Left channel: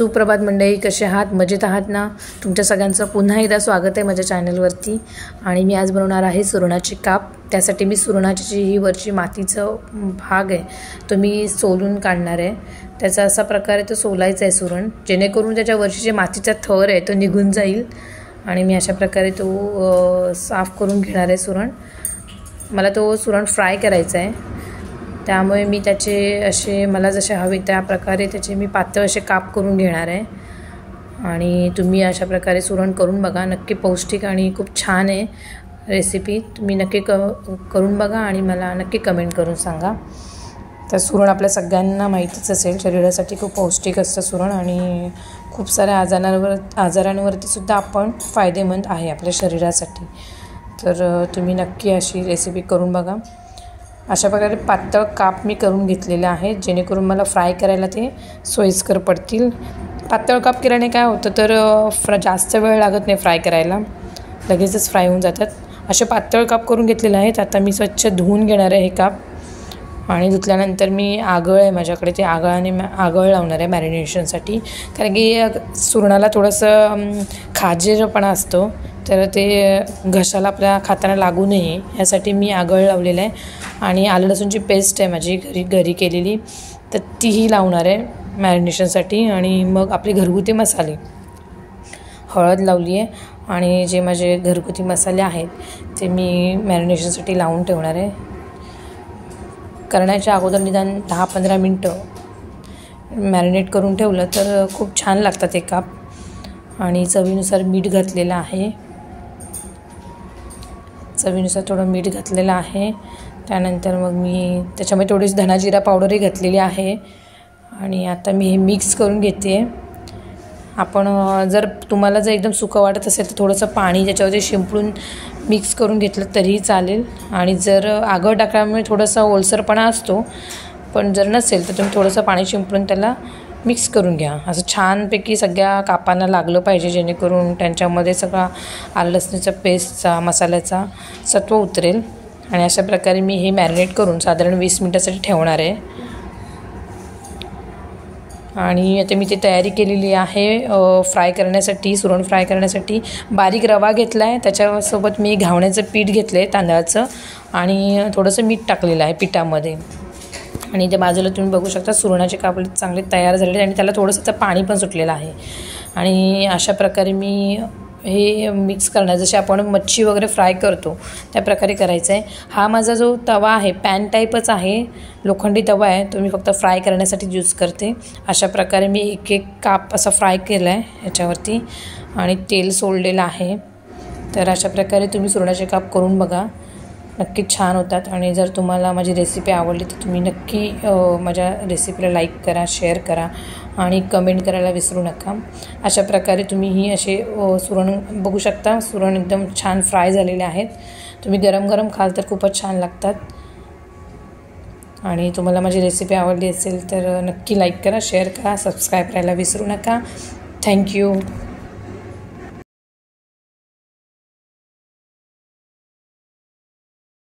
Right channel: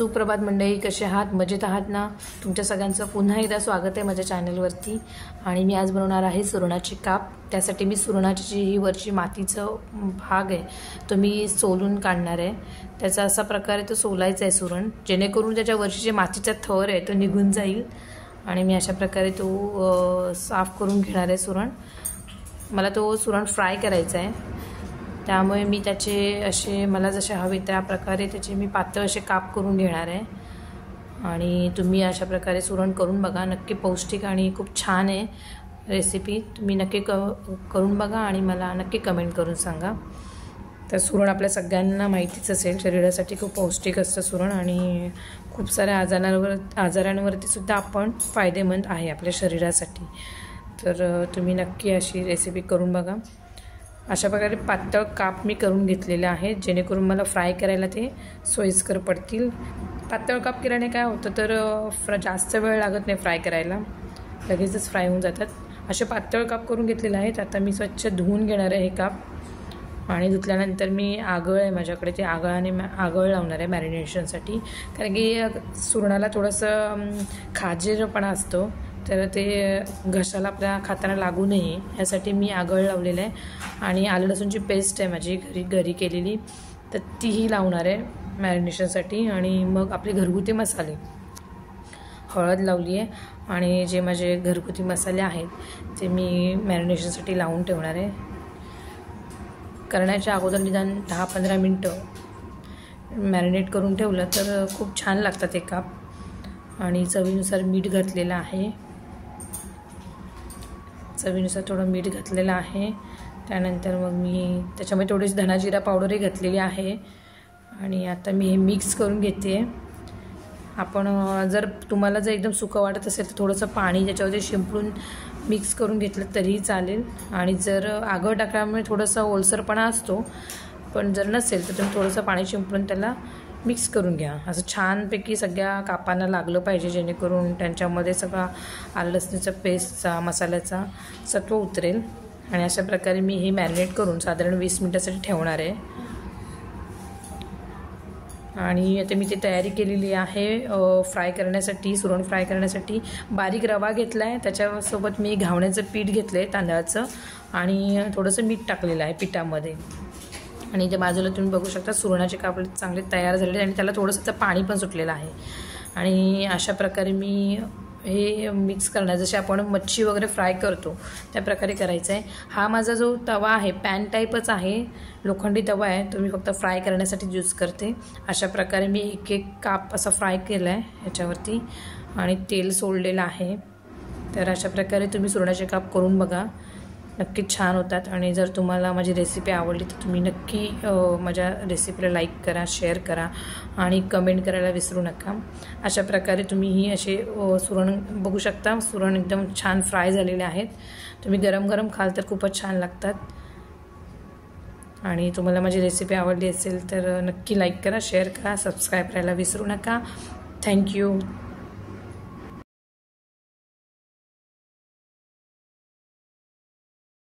सुप्रभात मंडळी, कसे आहात? मजेत आहात ना? तुमच्या सगळ्यांचं पुन्हा एकदा स्वागत आहे माझ्या चॅनलवरती. आणि मी आज बनवणार आहे सुरणाची काप. त्यासाठी मी सुरणाची जी ही वरची मातीचं भाग आहे तो मी सोलून काढणार आहे. त्याचा असा प्रकारे तो सोलायचा आहे सुरण, जेणेकरून त्याच्या वरची जे मातीचा थर आहे तो निघून जाईल. आणि मी अशा प्रकारे तो साफ करून घेणार आहे सुरण. मला तो सुरण फ्राय करायचा आहे, त्यामुळे मी त्याचे असे मला जसे हवे त्या प्रकारे त्याचे मी पातळ असे काप करून घेणार आहे. आणि तुम्ही अशा प्रकारे सुरण करून बघा, नक्की पौष्टिक आणि खूप छान आहे रेसिपी. तुम्ही नक्की करून बघा आणि मला नक्की कमेंट करून सांगा. तर सुरण आपल्या सगळ्यांना माहितीच असेल, शरीरासाठी खूप पौष्टिक असतं सुरण आणि खूप साऱ्या आजारांवरती सुद्धा आपण फायदेमंद आहे आपल्या शरीरासाठी. तर तुम्ही नक्की अशी रेसिपी करून बघा. अशा प्रकारे पातळ काप मी करून घेतलेले आहेत, जेणेकरून मला फ्राय करायला ते सोयीस्कर पडतील. पातळ काप केल्याने काय होतं तर जास्त वेळ लागत नाही फ्राय करायला, लगेचच फ्राय होऊन जातात. असे पातळ काप करून घेतलेले आहेत. आता मी स्वच्छ धुवून घेणार आहे हे काप आणि धुतल्यानंतर मी आगळ आहे माझ्याकडे, ते आगळ लावणार आहे मॅरिनेशनसाठी. कारण की सुरणाला थोडंसं खाजेरपणा असतो, तर ते घशाला आपल्या खाताना लागू नये यासाठी मी आगळ लावलेलं आहे. आणि आलं लसूणची पेस्ट आहे माझी घरी केलेली, तर तीही लावणार आहे मॅरिनेशनसाठी. आणि मग आपले घरगुती मसाले, हळद लावली आहे आणि जे माझे घरगुती मसाले आहेत ते मी मॅरिनेशनसाठी लावून ठेवणार आहे. करण्याच्या अगोदर निदान 10-15 मिनटं मॅरिनेट करून ठेवलं तर खूप छान लागतात ते काप. आणि चवीनुसार मीठ घातलेलं आहे, चवीनुसार थोडं मीठ घातलेलं आहे. त्यानंतर मग मी त्याच्यामध्ये थोडीशी धना जिरा पावडरही घातलेली आहे. आणि आता मी हे मिक्स करून घेते. आपण तुम्हाला जर एकदम सुकं वाटत असेल तर थोडंसं पाणी त्याच्यावरती शिंपडून मिक्स करून घेतलं तरीही चालेल. आणि जर आगळ टाकल्यामुळे थोडासा ओलसरपणा असतो, पण जर नसेल तर तुम्ही थोडंसं पाणी शिंपडून त्याला मिक्स करून घ्या. असं छानपैकी सगळ्या कापांना लागलं पाहिजे, जेणेकरून त्यांच्यामध्ये सगळा आलं लसणीचा पेस्टचा मसाल्याचा सत्व उतरेल. आणि अशा प्रकारे मी हे मॅरिनेट करून साधारण 20 मिनटासाठी ठेवणार आहे. आणि आता मी ती तयारी केलेली आहे फ्राय करण्यासाठी. सुरण फ्राय करण्यासाठी बारीक रवा घेतला आहे, त्याच्यासोबत मी घावण्याचं पीठ घेतलं आहे तांदळाचं आणि थोडंसं मीठ टाकलेलं आहे पिठामध्ये. आणि ते बाजूला तुम्ही बघू शकता सुरणाचे काप चांगले तयार झालेले आणि त्याला थोडंसं पाणी पण सुटलेलं आहे. आणि अशा प्रकारे मी हे मिक्स करणार, जसे आपण मच्छी वगैरे फ्राय करतो त्या प्रकारे करायचं आहे. हा माझा जो तवा आहे पॅन टाईपच आहे, लोखंडी तवा आहे, तो मी फक्त फ्राय करण्यासाठी यूज करते. अशा प्रकारे मी एक काप असा फ्राय केला आहे याच्यावरती आणि तेल सोडलेलं आहे. तर अशा प्रकारे तुम्ही सुरणाचे काप करून बघा, नक्की छान होतात. आणि जर तुम्हाला माझी रेसिपी आवडली तर तुम्ही नक्की माझ्या रेसिपीला लाईक करा, शेअर करा आणि कमेंट करायला विसरू नका. अशा प्रकारे तुम्ही ही असे सुरण बघू शकता, सुरण एकदम छान फ्राय झालेले आहेत. तुम्ही गरम गरम खाल तर खूपच छान लागतात. आणि तुम्हाला माझी रेसिपी आवडली असेल तर नक्की लाईक करा, शेअर करा, सबस्क्राईब करायला विसरू नका. थँक्यू.